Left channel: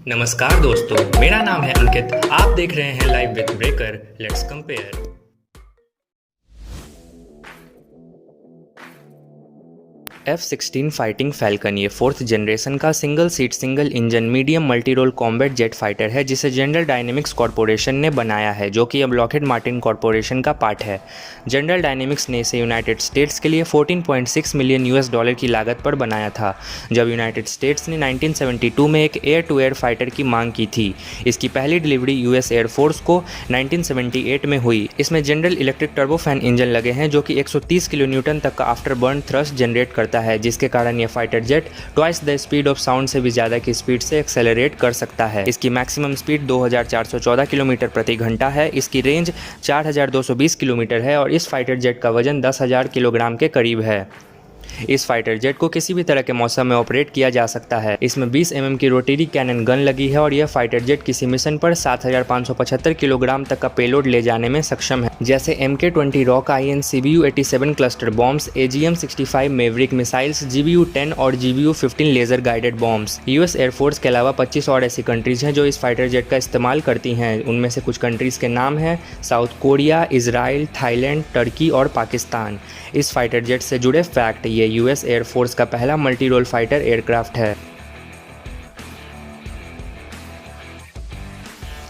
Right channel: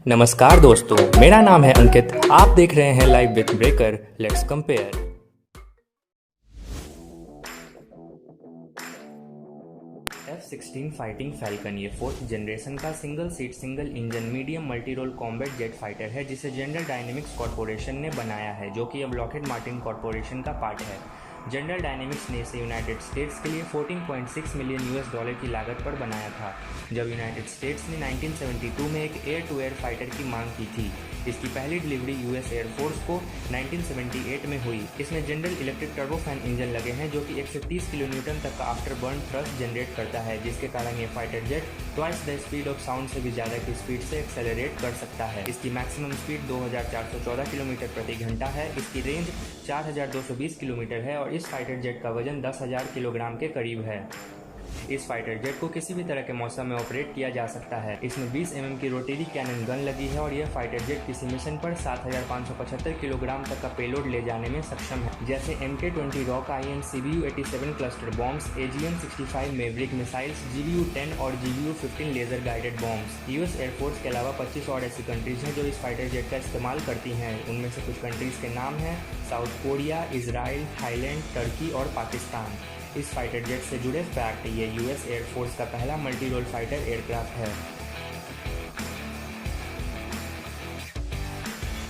नमस्कार दोस्तों, मेरा नाम है अंकित। आप देख रहे हैं live with breaker. Let's compare. F-16 fighting falcon ये फोर्थ जनरेशन का single seat single engine medium multi role combat jet fighter है जिसे जनरल डायनेमिक्स कॉरपोरेशन ने बनाया है, जो कि अब लॉकहीड मार्टिन कॉरपोरेशन का पार्ट है। जनरल डायनेमिक्स ने इसे यूनाइटेड स्टेट्स के लिए 14.6 मिलियन US डॉलर की लागत पर बनाया था, जब यूनाइटेड स्टेट्स ने 1972 में एक एयर टू एयर फाइटर की मांग की थी। इसकी पहली डिलीवरी यूएस एयरफोर्स को 1978 में हुई। इसमें जनरल इलेक्ट्रिक टर्बोफैन इंजन लगे हैं जो कि 130 किलो न्यूटन तक का आफ्टर बर्न थ्रस्ट जनरेट करता है, जिसके कारण यह fighter jet twice the speed of sound से भी ज्यादा की स्पीड से एक्सेलरेट कर सकता है। इसकी मैक्सिमम स्पीड 2414 किलोमीटर प्रति घंटा है। इसकी रेंज 4220 किलोमीटर है और इस फाइटर जेट का वजन 10,000 किलोग्राम के करीब है। इस फाइटर जेट को किसी भी तरह के मौसम में ऑपरेट किया जा सकता है। इसमें 20 mm की रोटरी कैनन गन लगी है और यह फाइटर जेट किसी मिशन पर 7575 किलोग्राम तक का पेलोड ले जाने में सक्षम है, जैसे MK-20 rock INCBU-87 cluster bombs, AGM-65 maverick missiles, GBU-10 और GBU-15 laser guided bombs. US air force के अलावा 25 और ऐसी कंट्रीज हैं जो इस फाइटर जेट का इस्तेमाल करती हैं। उनमें से कुछ कंट्रीज के नाम हैं south Korea, Israel, Thailand, Turkey और पाकिस्तान। इस फाइटर जेट से जुड़े फैक्ट: ये यूएस एयरफोर्स का पहला मल्टी रोल फाइटर एयरक्राफ्ट है।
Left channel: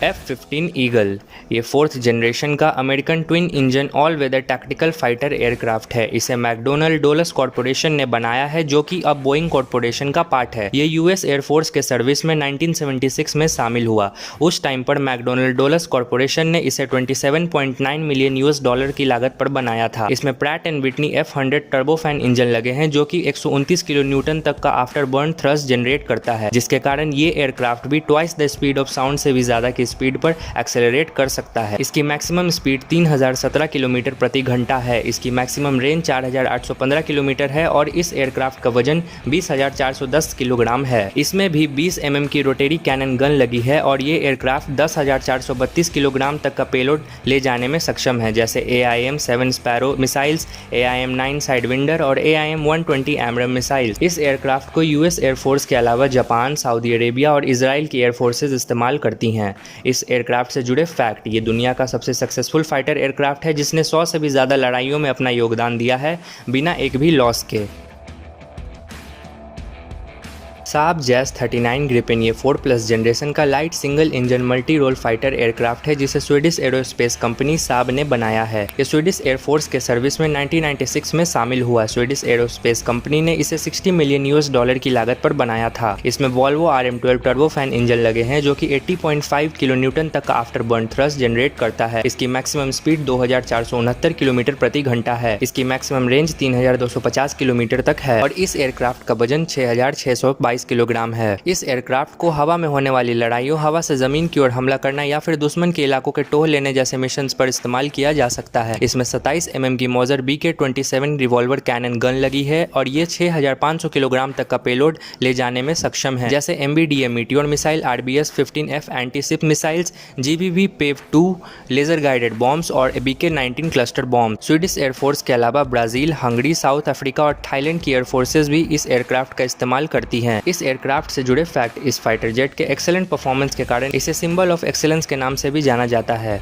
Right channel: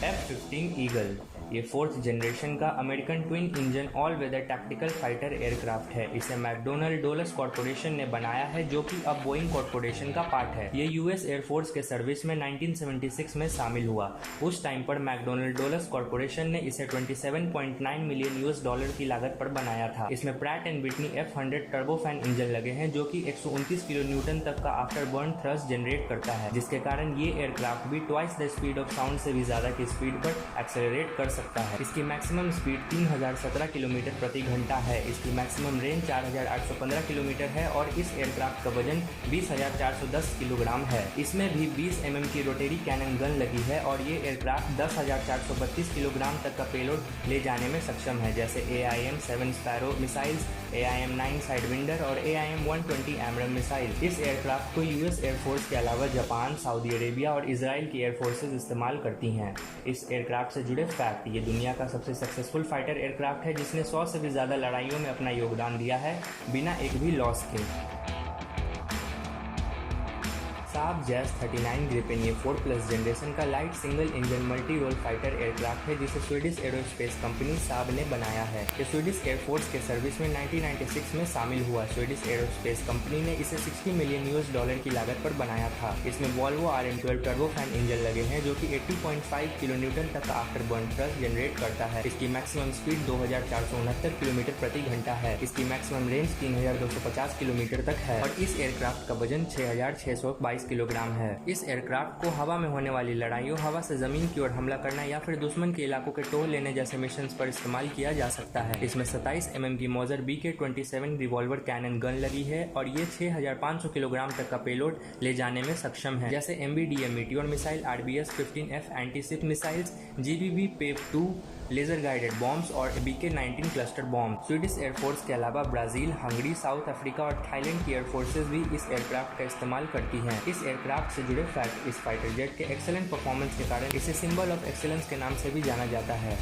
F-15 ईगल ये फोर्थ जनरेशन का American twin engine all weather tactical fighter aircraft है। इसे मैकडोनल्ड डोलस कॉरपोरेशन ने बनाया है, जो कि अब बोइंग कॉरपोरेशन का पार्ट है। ये यूएस एयरफोर्स के सर्विस में 1976 में शामिल हुआ। उस टाइम पर मैकडोनल्ड डोलस कॉरपोरेशन ने इसे 27.9 मिलियन US डॉलर की लागत पर बनाया था। इसमें Pratt and Whitney F-100 turbofan engine लगे हैं, जो कि 129 किलो न्यूटन तक का आफ्टर बर्न थ्रस्ट जनरेट करता है, जिसके कारण ये एयरक्राफ्ट भी twice the speed of sound से भी ज्यादा की स्पीड पर एक्सेलरेट कर सकता है। इसकी मैक्सिमम स्पीड 3017 किलोमीटर प्रति घंटा है। इसकी मैक्सिमम रेंज 4815 किलोमीटर है और इस एयरक्राफ्ट का वजन 20,410 किलोग्राम है। इसमें भी 20 mm की रोटरी कैनन गन लगी है और ये एयरक्राफ्ट 10,432 किलोग्राम तक का पेलोड ले जाने में सक्षम है, जैसे AIM-7 sparrow missiles, AIM-9 Sidewinder और AIM-120 एमरम मिसाइल्स। इस एयरक्राफ्ट को यूएस एयरफोर्स के अलावा जापान, सऊदी अरेबिया और इजराइल की एयरफोर्सेज इस्तेमाल करती हैं। इस एयरक्राफ्ट से जुड़े फैक्ट: ये दुनिया का सबसे सक्सेसफुल फाइटर एयरक्राफ्ट है, जिसने 100 से भी ज़्यादा लड़ाइयों में अपना योगदान दिया है बिना एक भी लॉस के। साब जैस 39 ग्रिपेन ये 4+ जनरेशन का light single engine multi role fighter aircraft है, जिसे स्वीडिश एरोस्पेस कंपनी साब ने बनाया है। ये स्वीडिश एयरफोर्स के सर्विस में 1996 में शामिल हुआ। स्वीडिश एरोस्पेस कंपनी ने इसे 60 मिलियन US डॉलर की लागत पर बनाया था। इसमें वॉल्वो RM-12 टर्बोफैन इंजन लगे हैं, जो कि 80.5 किलो न्यूटन तक का आफ्टर बर्न थ्रस्ट जनरेट करता है। इसकी मैक्सिमम स्पीड 2469 किलोमीटर प्रति घंटा है। इसकी मैक्सिमम रेंज 3250 किलोमीटर तक है और इस एयरक्राफ्ट का वजन 6622 किलोग्राम है। इस एयरक्राफ्ट को हवा में होने वाली लड़ाइयों, हवा से जमीन की ओर हमला करना या फिर दुश्मन के इलाकों के टोह लेने जैसे मिशंस पर इस्तेमाल किया जा सकता है। इसमें 27 mm की मॉजर BK-27 रिवॉल्वर कैनन गन लगी है और ये 6500 किलोग्राम तक का पेलोड ले जाने में सक्षम है, जैसे MBDA Meteor missile, RBS-15F anti ship missiles, GBV PAVE-2 laser guided bombs और BK-19 cluster bomb. Swedish air force के अलावा ब्राजील, हंगरी, साउथ अफ्रीका और थाईलैंड की एयरफोर्सेज भी इस एयरक्राफ्ट का इस्तेमाल करती हैं। इस एयरक्राफ्ट से जुड़े फैक्ट: इस फाइटर जेट के एक्सेलेंट परफॉर्मेंस के कारण इसे सिंबल ऑफ एक्सेलेंस के नाम से भी जाना जाता है।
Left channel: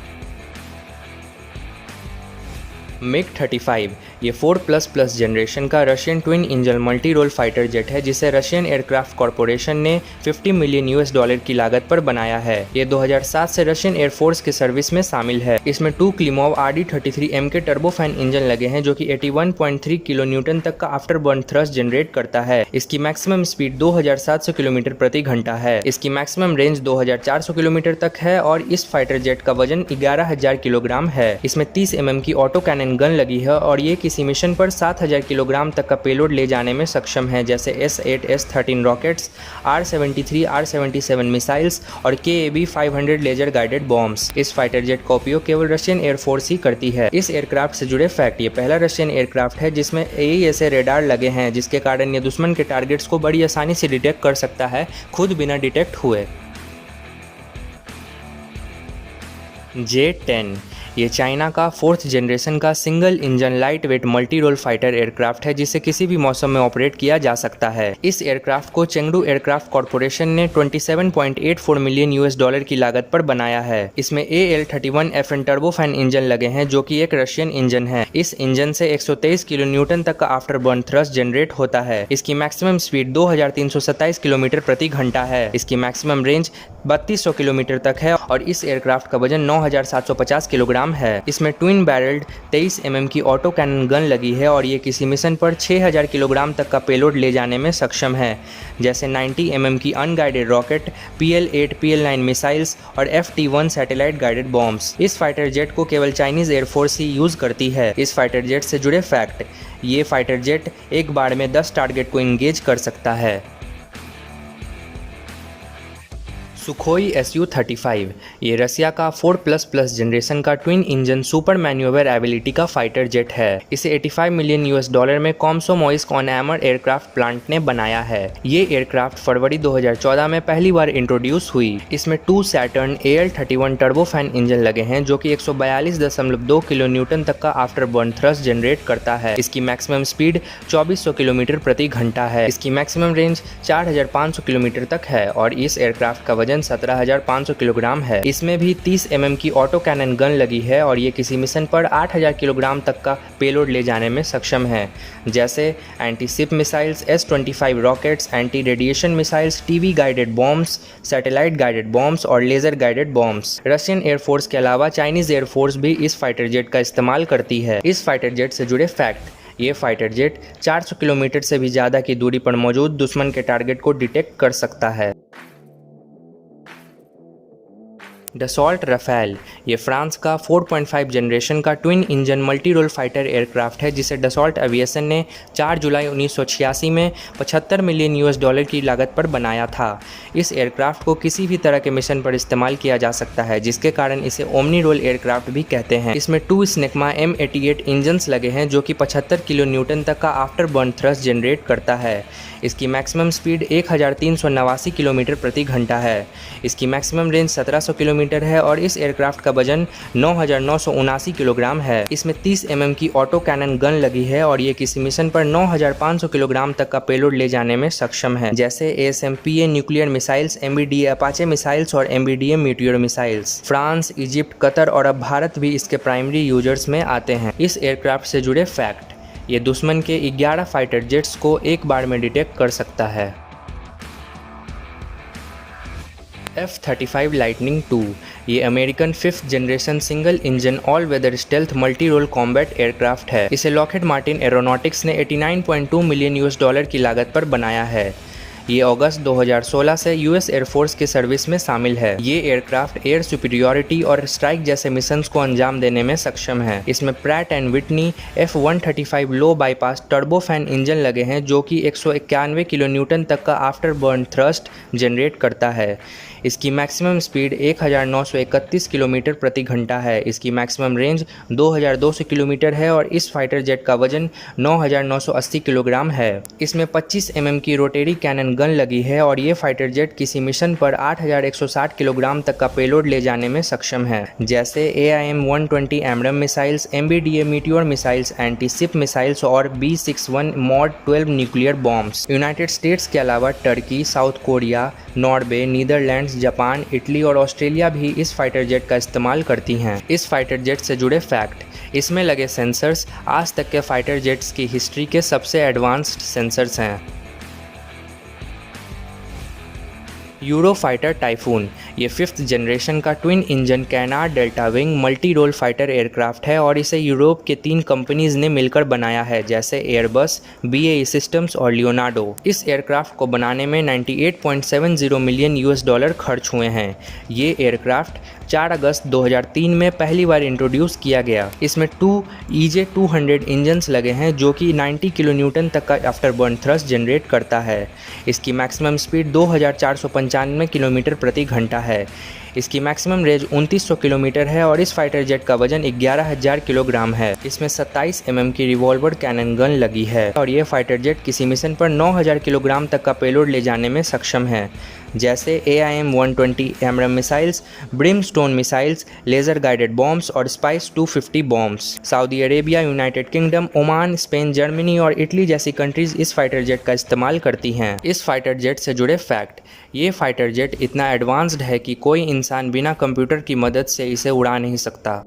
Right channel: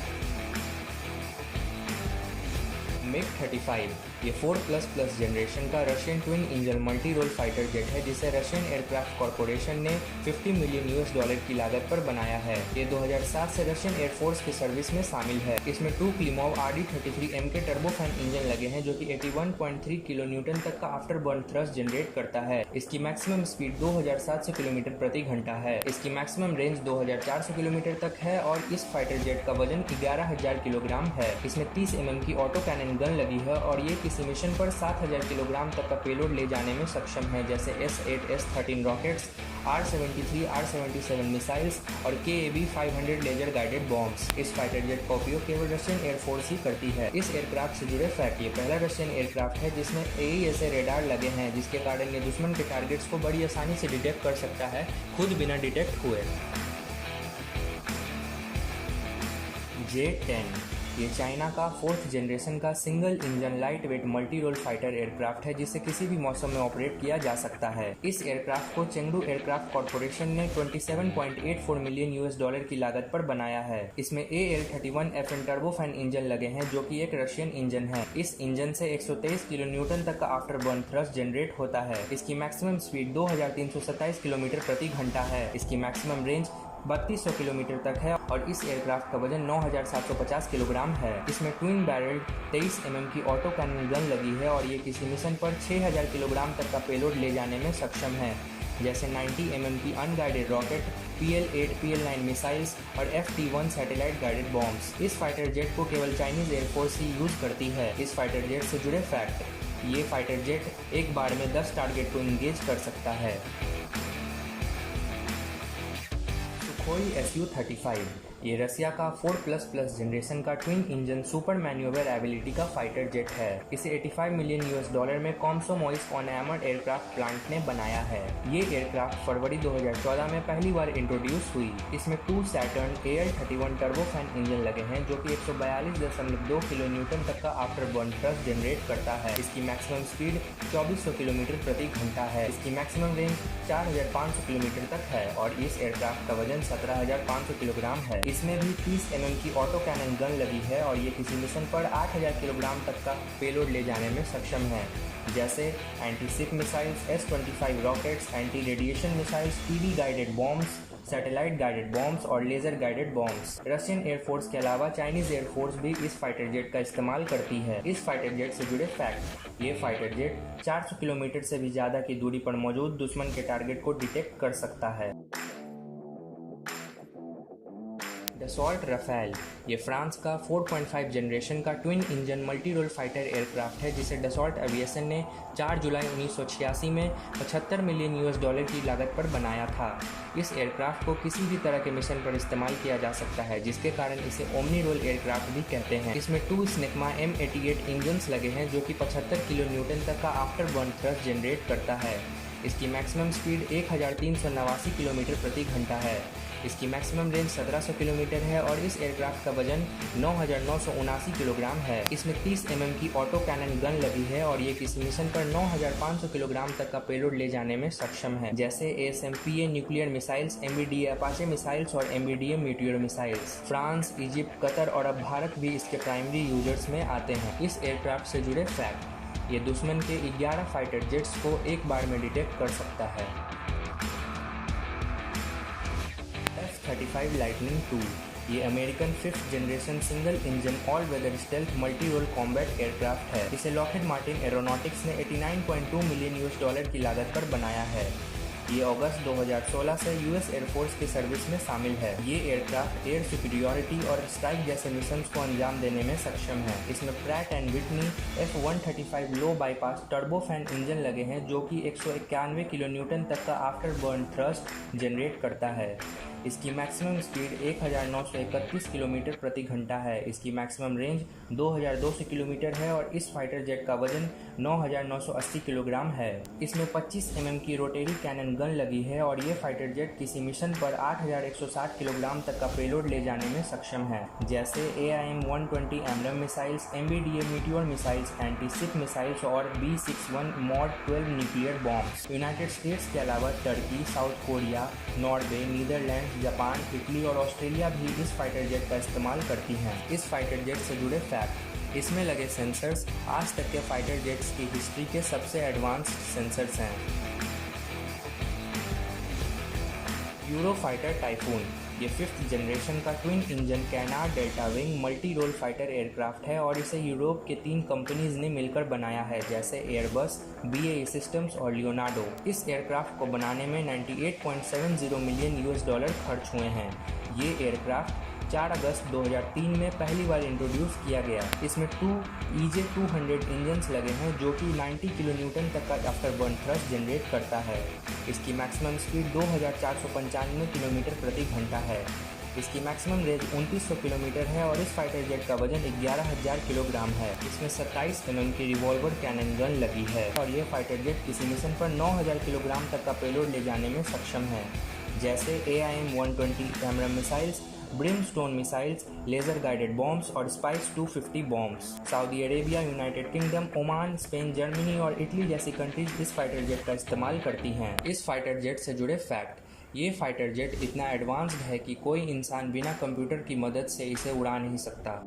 MiG-35 ये 4++ जनरेशन का Russian twin engine multi role fighter jet है, जिसे रशियन एयरक्राफ्ट कॉरपोरेशन ने 50 मिलियन US डॉलर की लागत पर बनाया है। ये 2007 से रशियन एयरफोर्स के सर्विस में शामिल है। इसमें 2 Klimov RD-33 MK turbofan engine लगे हैं, जो कि 81.3 किलो न्यूटन तक का आफ्टर बर्न थ्रस्ट जनरेट करता है। इसकी मैक्सिमम स्पीड 2700 किलोमीटर प्रति घंटा है। इसकी मैक्सिमम रेंज 2400 किलोमीटर तक है और इस फाइटर जेट का वजन 11,000 किलोग्राम है। इसमें 30 mm की ऑटो कैनन गन लगी है और ये किसी मिशन पर 7000 किलोग्राम तक का पेलोड ले जाने में सक्षम है, जैसे S-8, S-13 rockets, R-73, R-77 missiles और KAB-500 लेजर गाइडेड बॉम्ब्स। इस फाइटर जेट का उपयोग केवल रशियन एयरफोर्स ही करती है। इस एयरक्राफ्ट से जुड़े फैक्ट: ये पहला रशियन एयरक्राफ्ट है जिसमें AESA रेडार लगे हैं, जिसके कारण ये दुश्मन के टारगेट्स को बड़ी आसानी से डिटेक्ट कर सकता है, खुद बिना डिटेक्ट हुए। J-10 ये चाइना का 4th जनरेशन का single engine light weight multi role fighter aircraft है जिसे किसी भी मौसम में ऑपरेट किया जा सकता है। इस एयरक्राफ्ट को चेंगडू एयरक्राफ्ट कॉर्पोरेशन ने 27.84 मिलियन $US की लागत पर बनाया है। इसमें AL-31FN टर्बोफैन इंजन लगे हैं जो कि एक रशियन इंजन है। इस इंजन से 123 किलो न्यूटन तक का आफ्टर बर्न थ्रस्ट जनरेट होता है। इसकी मैक्सिमम स्पीड 2327 किलोमीटर प्रति घंटा है। इसकी मैक्सिमम रेंज 3200 किलोमीटर तक है और इस एयरक्राफ्ट का वजन 9750 किलोग्राम है। इसमें ट्विन बैरल्ड 23 mm की ऑटो कैनन गन लगी है और ये किसी मिशन पर 6000 किलोग्राम तक का पेलोड ले जाने में सक्षम है, जैसे 90 mm की unguided rocket, PL-8, PL-9 missiles और FT-1 सैटेलाइट गाइडेड बॉम्ब्स। इस फाइटर जेट को केवल चाइनीज एयरफोर्स ही यूज करती है। इस फाइटर जेट से जुड़े फैक्ट: ये फाइटर जेट एक बार में 10 टारगेट को इंगेज कर सकता है। सुखोई Su-35 ये रसिया का 4++ जनरेशन का twin engine super manoeuvre ability का फाइटर जेट है। इसे 85 मिलियन $US में कॉमसोमोइस्क ऑन एमर एयरक्राफ्ट प्लांट ने बनाया है। ये एयरक्राफ्ट फरवरी 2014 में पहली बार इंट्रोड्यूस हुई। इसमें 2 सैटर्न AL-31 टर्बोफैन इंजन लगे हैं जो कि 142.2 किलो न्यूटन तक का आफ्टर बर्न थ्रस्ट जनरेट करता है। इसकी मैक्सिमम स्पीड 2400 किलोमीटर प्रति घंटा है। इसकी मैक्सिमम रेंज 4500 किलोमीटर तक है और इस एयरक्राफ्ट का वजन 17,500 किलोग्राम है। इसमें भी 30 mm की ऑटो कैनन गन लगी है और ये किसी मिशन पर 8000 किलोग्राम तक का पेलोड ले जाने में सक्षम है, जैसे anti ship missiles, S-25 rockets, anti radiation missiles, TV guided bombs, satellite guided bombs और laser guided bombs. Russian air force के अलावा चाइनीज एयरफोर्स भी इस फाइटर जेट का इस्तेमाल करती है। इस फाइटर जेट से जुड़े फैक्ट: ये फाइटर जेट 400 किलोमीटर से भी ज़्यादा की दूरी पर मौजूद दुश्मन के टारगेट को डिटेक्ट कर सकता है। डसॉल्ट राफेल ये फ्रांस का 4.5 जनरेशन का twin engine multi role fighter aircraft है जिसे डसॉल्ट एविएशन ने 4 जुलाई 1986 में 75 मिलियन $US की लागत पर बनाया था। इस एयरक्राफ्ट को किसी भी तरह के मिशन पर इस्तेमाल किया जा सकता है, जिसके कारण इसे ओमनी रोल एयरक्राफ्ट भी कहते हैं। इसमें 2 स्नेकमा M88 इंजन्स लगे हैं जो कि 75 किलो न्यूटन तक का आफ्टर बर्न थ्रस्ट जनरेट करता है। इसकी मैक्सिमम स्पीड 1389 किलोमीटर प्रति घंटा है। इसकी मैक्सिमम रेंज 1700 किलोमीटर है और इस एयरक्राफ्ट का वजन 9979 किलोग्राम है। इसमें 30 mm की ऑटो कैनन गन लगी है और ये किसी मिशन पर 9500 किलोग्राम तक का पेलोड ले जाने में सक्षम है, जैसे ASMPA nuclear missiles, MBDA Apache missiles और MBDA Meteor missiles. France, Egypt, Qatar और अब भारत भी इसके प्राइमरी यूजर्स में आते हैं। इस एयरक्राफ्ट से जुड़े फैक्ट: ये दुश्मन के 11 फाइटर जेट्स को एक बार में डिटेक्ट कर सकता है। F-35 लाइटनिंग II ये American 5th generation single engine all weather stealth multi role combat aircraft है। इसे लॉकहीड मार्टिन एरोनॉटिक्स ने 89.2 मिलियन $US की लागत पर बनाया है। ये अगस्त 2016 से US एयरफोर्स के सर्विस में शामिल है। ये एयरक्राफ्ट एयर सुपीरियॉरिटी और स्ट्राइक जैसे मिशंस को अंजाम देने में सक्षम है। इसमें Pratt and Whitney F-135 low bypass turbofan engine लगे हैं जो कि 191 किलो न्यूटन तक का आफ्टर बर्न थ्रस्ट जनरेट करता है। इसकी मैक्सिमम स्पीड 1931 किलोमीटर प्रति घंटा है। इसकी मैक्सिमम रेंज 2200 किलोमीटर है और इस फाइटर जेट का वजन 9980 किलोग्राम है। इसमें 25 mm की रोटेरी कैनन गन लगी है और ये फाइटर जेट किसी मिशन पर 8160 किलोग्राम तक का पेलोड ले जाने में सक्षम है, जैसे AIM-120 AMRAAM missiles, MBDA Meteor missiles, anti ship missiles और B-61 mod 12 nuclear bombs. United States के अलावा Turkey, South Korea, Norway, Netherlands, Japan, Italy और ऑस्ट्रेलिया भी इस फाइटर जेट का इस्तेमाल करती हैं। इस फाइटर जेट से जुड़े फैक्ट: इसमें लगे सेंसर्स आज तक के फाइटर जेट्स की हिस्ट्री के सबसे एडवांस्ड सेंसर्स हैं। यूरोफाइटर टाइफून ये 5th जनरेशन का twin engine canard delta wing multi role fighter aircraft है और इसे यूरोप के 3 कंपनीज ने मिलकर बनाया है, जैसे एयरबस, BAE सिस्टम्स और लियोनार्डो। इस एयरक्राफ्ट को बनाने में 98.70 मिलियन $US खर्च हुए हैं। ये एयरक्राफ्ट 4 अगस्त 2003 में पहली बार इंट्रोड्यूस किया गया। इसमें 2 EJ-200 इंजन्स लगे हैं जो कि 90 किलो न्यूटन तक का आफ्टर बर्न थ्रस्ट जनरेट करता है। इसकी मैक्सिमम स्पीड 2495 किलोमीटर प्रति घंटा है। इसकी मैक्सिमम रेंज 2900 किलोमीटर है और इस फाइटर जेट का वजन 11000 किलोग्राम है। इसमें 27 mm की रिवॉल्वर कैनन गन लगी है और ये फाइटर जेट किसी मिशन पर 9000 किलोग्राम तक का पेलोड ले जाने में सक्षम है, जैसे AIM-120 AMRAAM missiles, Brimstone missiles, laser guided bombs और SPICE 250 bombs. Saudi Arabia, United Kingdom, Oman, Spain, Germany और इटली जैसी कंट्रीज इस फाइटर जेट का इस्तेमाल करती हैं। इस फाइटर जेट से जुड़े फैक्ट: ये फाइटर जेट इतना एडवांस्ड है कि कोई इंसान बिना कंप्यूटर की मदद से इसे उड़ा नहीं सकता।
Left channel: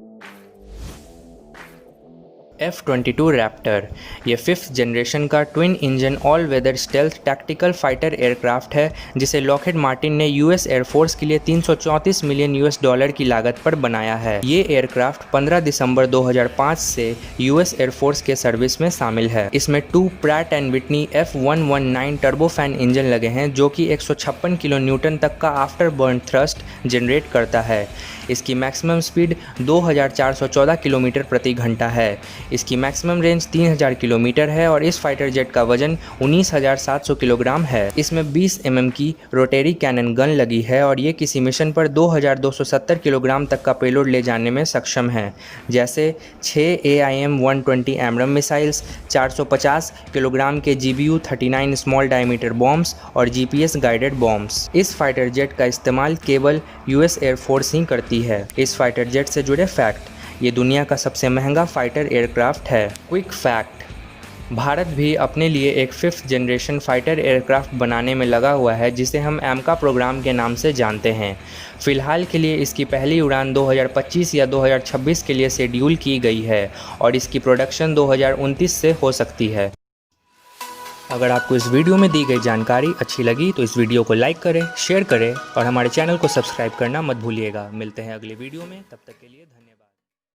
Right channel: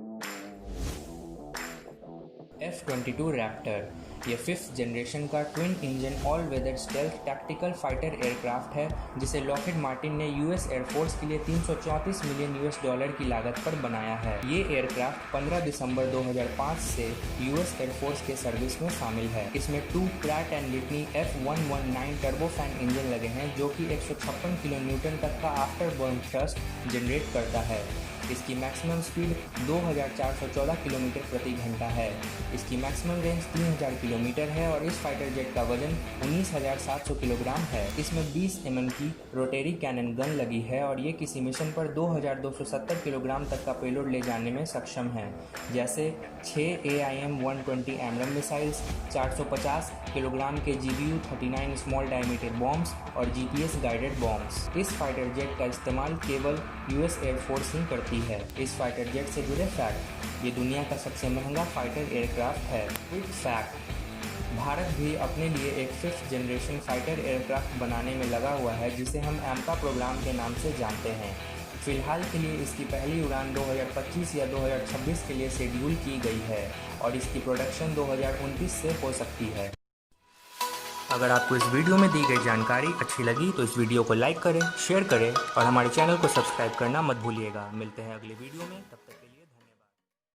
F-22 रैप्टर ये 5th जनरेशन का twin engine all weather stealth tactical fighter aircraft है, जिसे लॉकहीड मार्टिन ने यूएस एयरफोर्स के लिए $334 मिलियन की लागत पर बनाया है। ये एयरक्राफ्ट 15 दिसंबर 2005 से यूएस एयरफोर्स के सर्विस में शामिल है। इसमें 2 Pratt and Whitney F119 turbofan engine लगे हैं, जो कि 156 किलो न्यूटन तक का आफ्टर बर्न थ्रस्ट जनरेट करता है। इसकी मैक्सिमम स्पीड 2414 किलोमीटर प्रति घंटा है। इसकी मैक्सिमम रेंज 3000 किलोमीटर है और इस फाइटर जेट का वजन 19700 किलोग्राम है। इसमें 20 mm की रोटेरी कैनन गन लगी है और ये किसी मिशन पर 2270 किलोग्राम तक का पेलोड ले जाने में सक्षम है, जैसे 6 AIM-120 एमरम मिसाइल्स, 450 किलोग्राम के GBU-39 स्मॉल डायमीटर बॉम्ब्स और GPS गाइडेड बॉम्ब्स। इस फाइटर जेट का इस्तेमाल केवल यूएस एयरफोर्स ही करती है। इस फाइटर जेट से जुड़े फैक्ट: ये दुनिया का सबसे महंगा फाइटर एयरक्राफ्ट है। क्विक फैक्ट: भारत भी अपने लिए एक 5th जनरेशन फाइटर एयरक्राफ्ट बनाने में लगा हुआ है, जिसे हम AMCA प्रोग्राम के नाम से जानते हैं। फ़िलहाल के लिए इसकी पहली उड़ान 2025 या 2026 के लिए शेड्यूल की गई है और इसकी प्रोडक्शन 2029 से हो सकती है। अगर आपको इस वीडियो में दी गई जानकारी अच्छी लगी तो इस वीडियो को लाइक करें, शेयर करें और हमारे चैनल को सब्सक्राइब करना मत भूलिएगा। मिलते हैं अगले वीडियो में, तब तक के लिए धन्यवाद।